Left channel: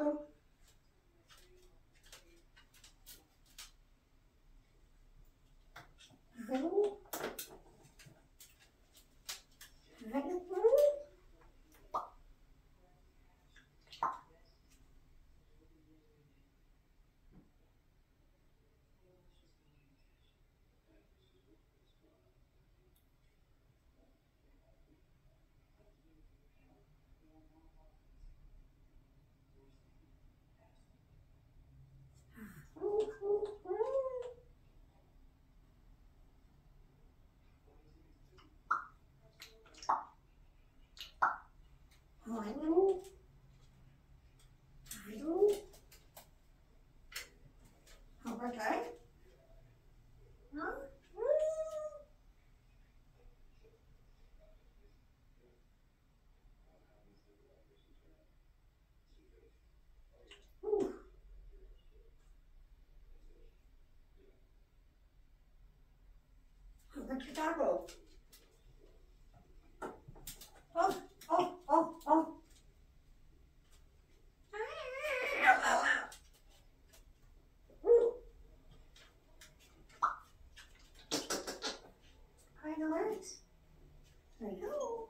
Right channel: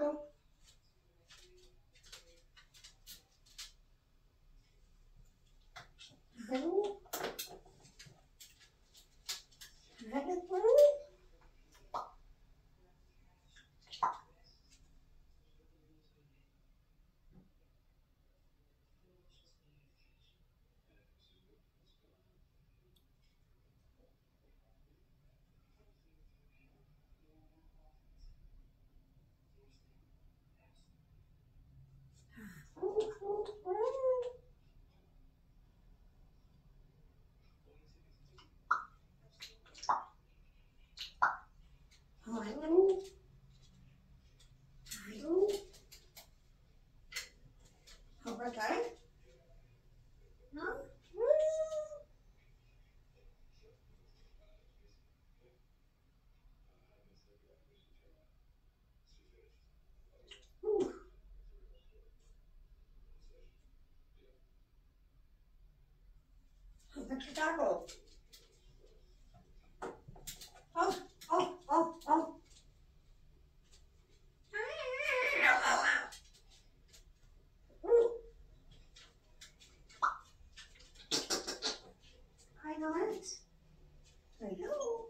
taco. Okay. Huh? What's your taco? Oh, oh, oh, oh. I know it. I know.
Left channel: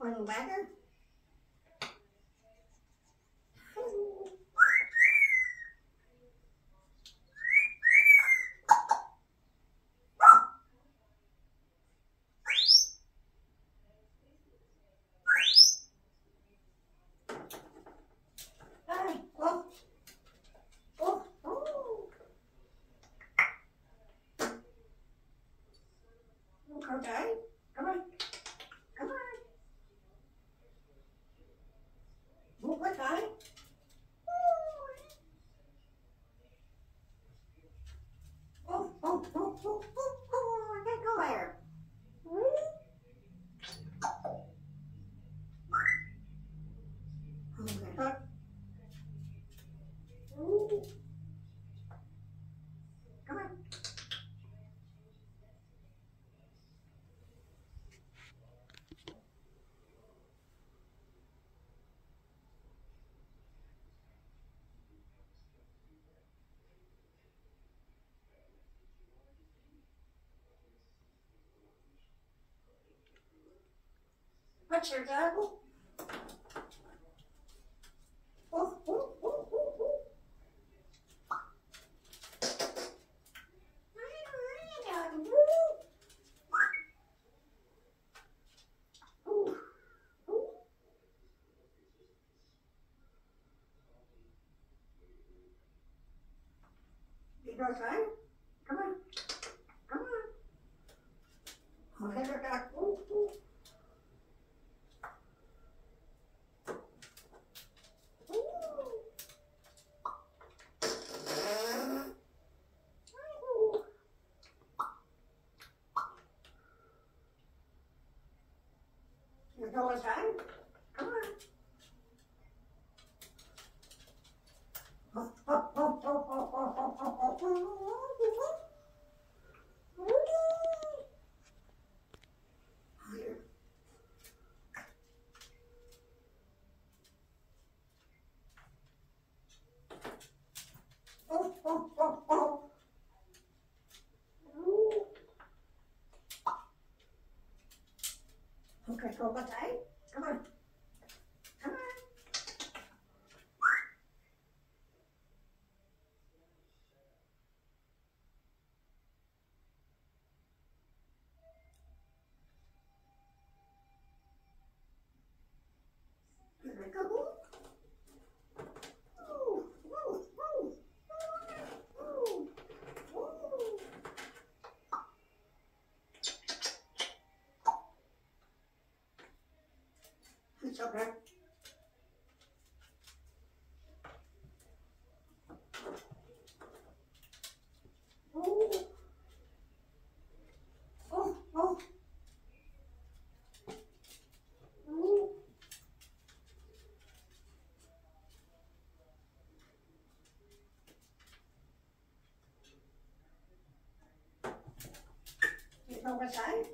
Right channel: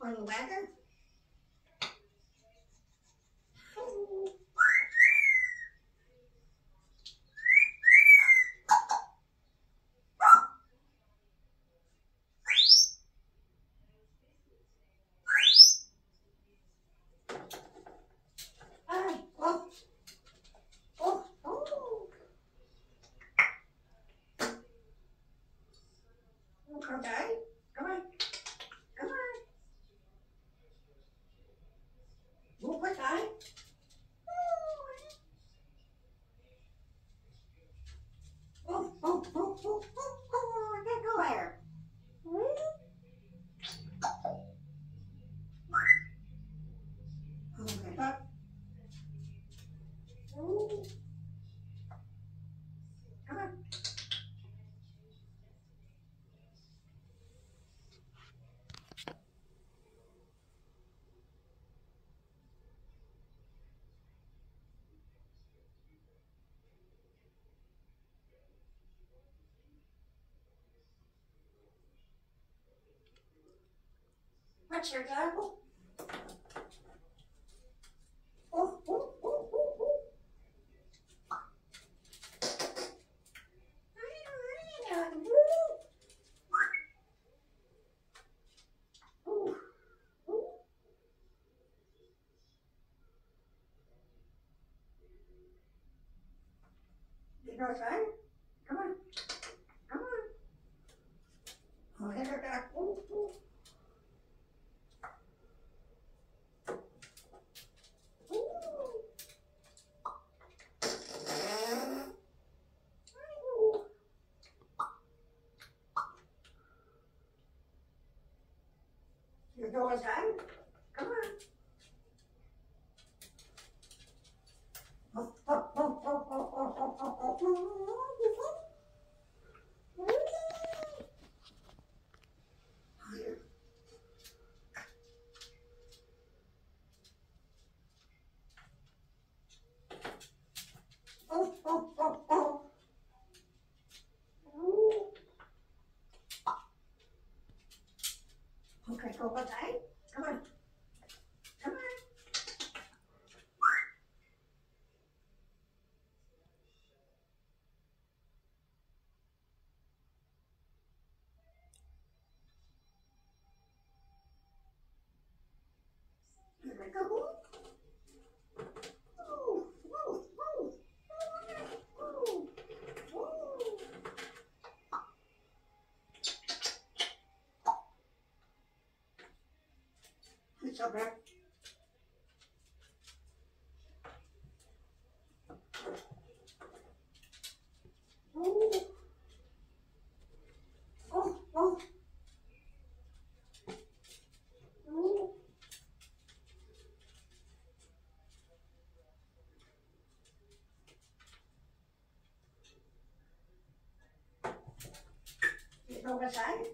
On the wagon? Hi. Oh, oh, oh. Okay. Come on. Come on. Move quick, honey. Oh, oh, oh, oh, oh, oh. I can't go there. Okay. Come on. What's your tackle? Oh, oh, oh, oh, oh. You go time? Come on. Come on. Okay, back. Oh, oh. You go in time? Come on. Oh, oh, oh, oh, oh, oh, oh, oh, oh. Oh, oh, oh, oh. Okay, go one time. Come on. Come on. Here we go. Ooh, ooh, ooh, ooh, ooh. It's okay. Ooh. Oh, oh. Ooh. over side.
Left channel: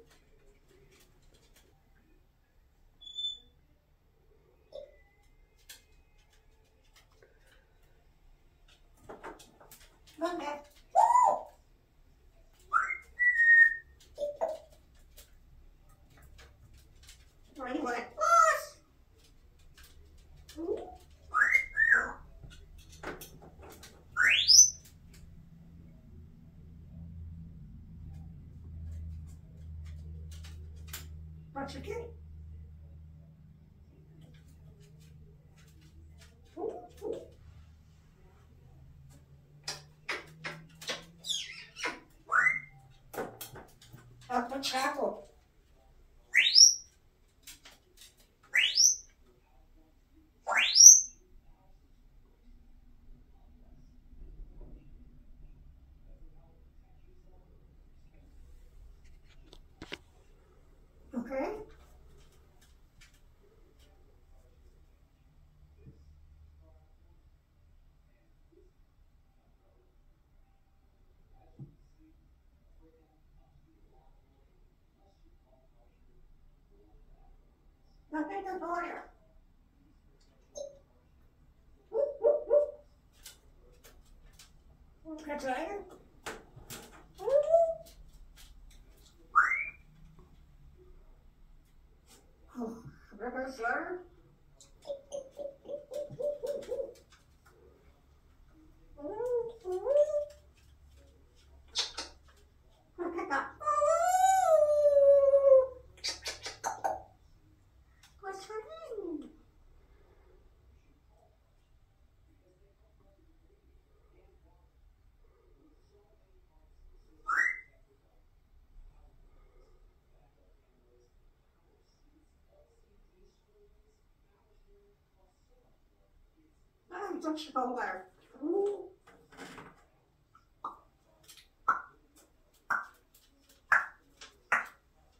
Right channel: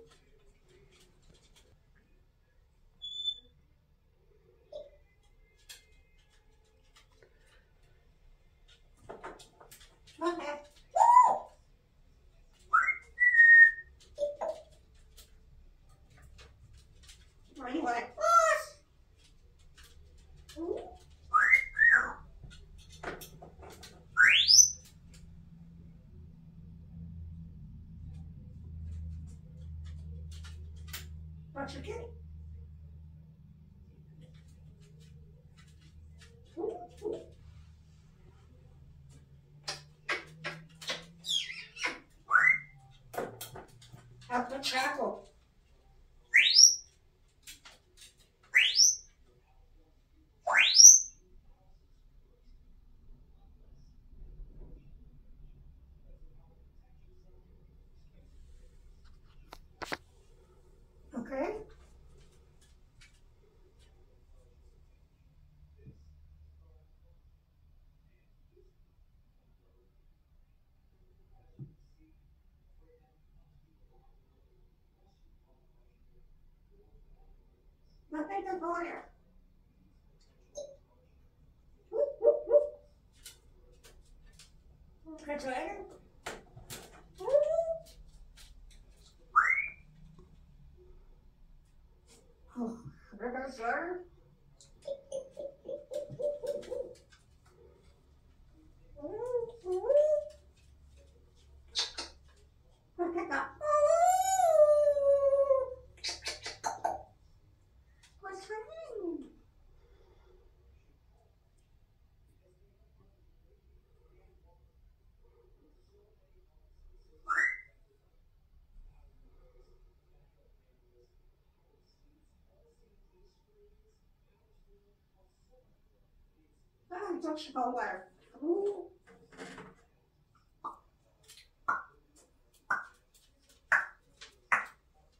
Okay. What do you want? What's your kitty? Have to travel. Okay. Look at the border. Refrigerator. Oh, river slur. Look at that. What's her name? Oh, don't you go there.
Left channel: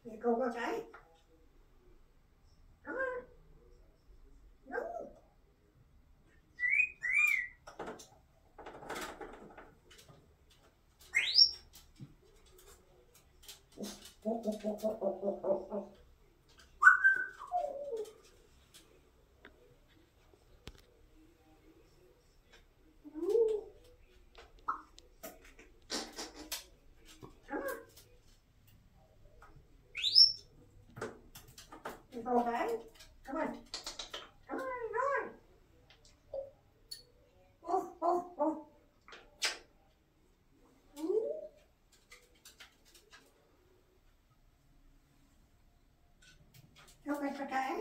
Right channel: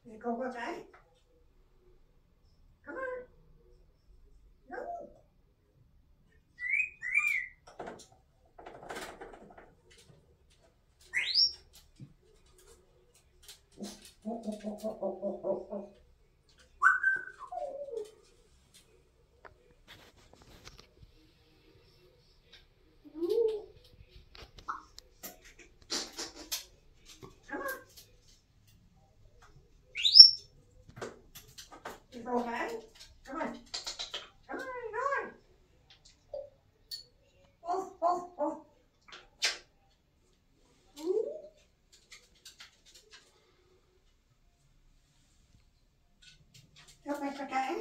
You go with that? Come on. No. Come on. You go okay? Come on. Come on, come on. Oh, oh, oh. Hope it's okay.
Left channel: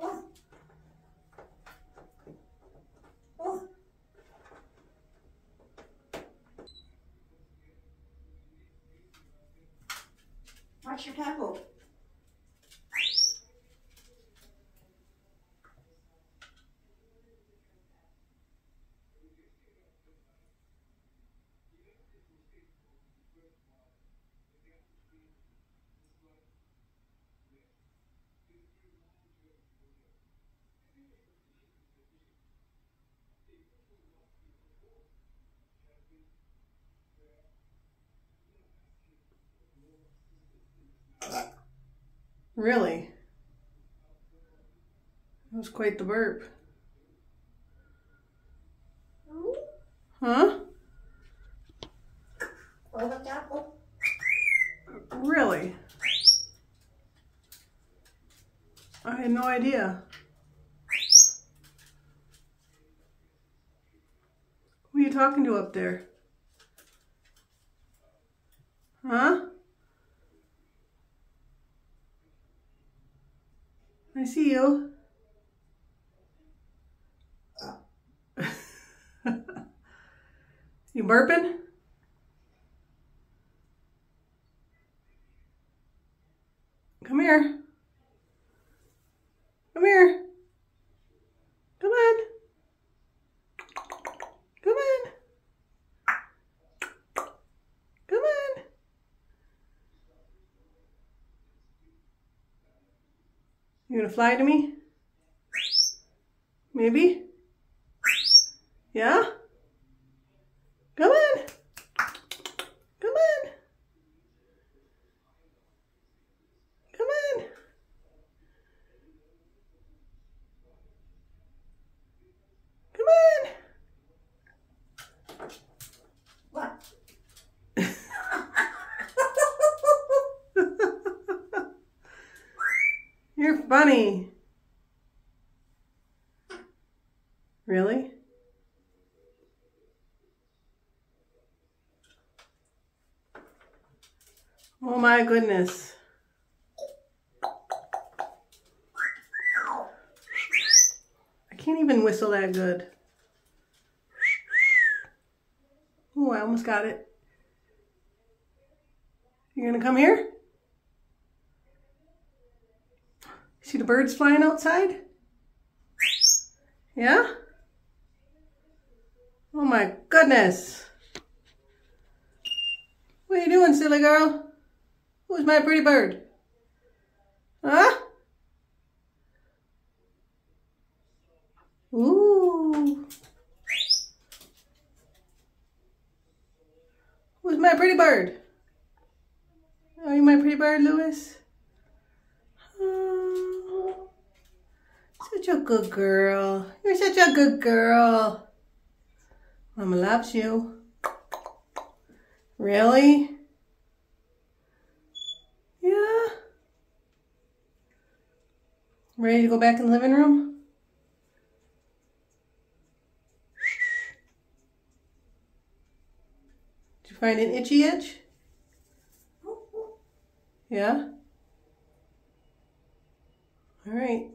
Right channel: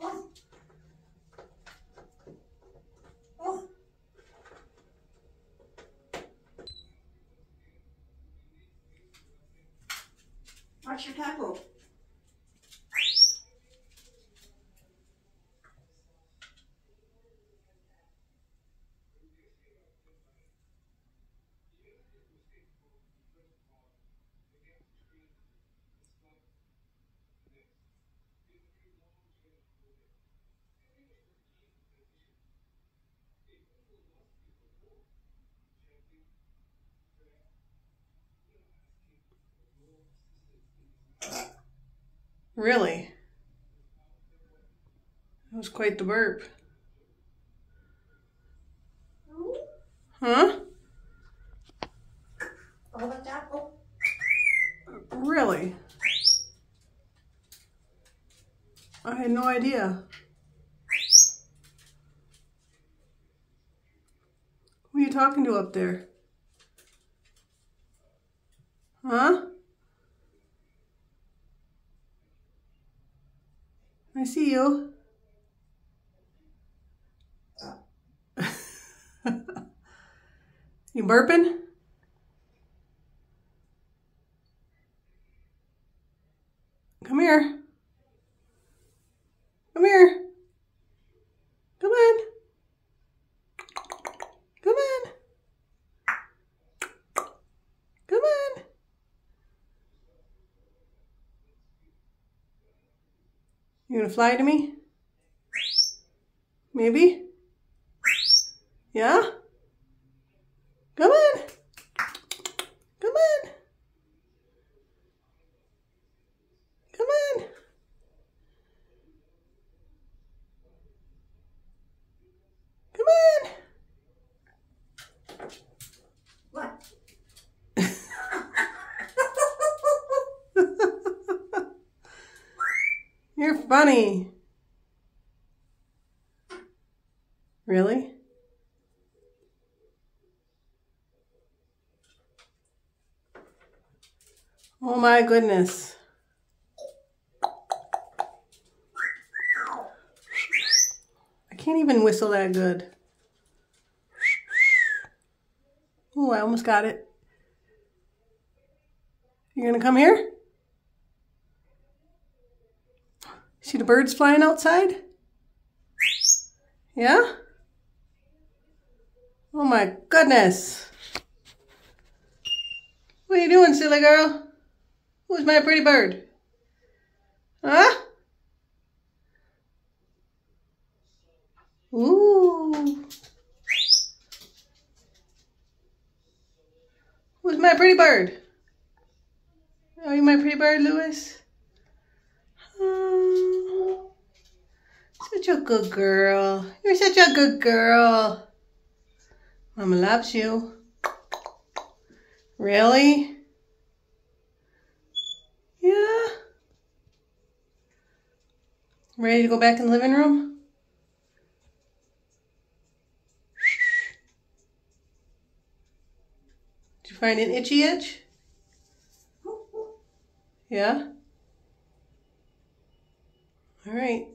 Oh, oh. Watch your tackle. Really? That was quite the burp. Huh? Oh, the tackle. Really? I had no idea. Who are you talking to up there? Huh? I see you. You burping? You gonna fly to me? Maybe? Yeah? Come on! Come on! Come on! Come on! What? You're funny. Really? Oh my goodness. I can't even whistle that good. Oh, I almost got it. You gonna come here? See the birds flying outside? Yeah? Oh my goodness. What are you doing, silly girl? Who's my pretty bird? Huh? Ooh. Who's my pretty bird? Are you my pretty bird, Lewis? Oh, such a good girl. You're such a good girl. Mama loves you. Really? Yeah? Ready to go back in the living room? Did you find an itchy itch? Yeah? All right.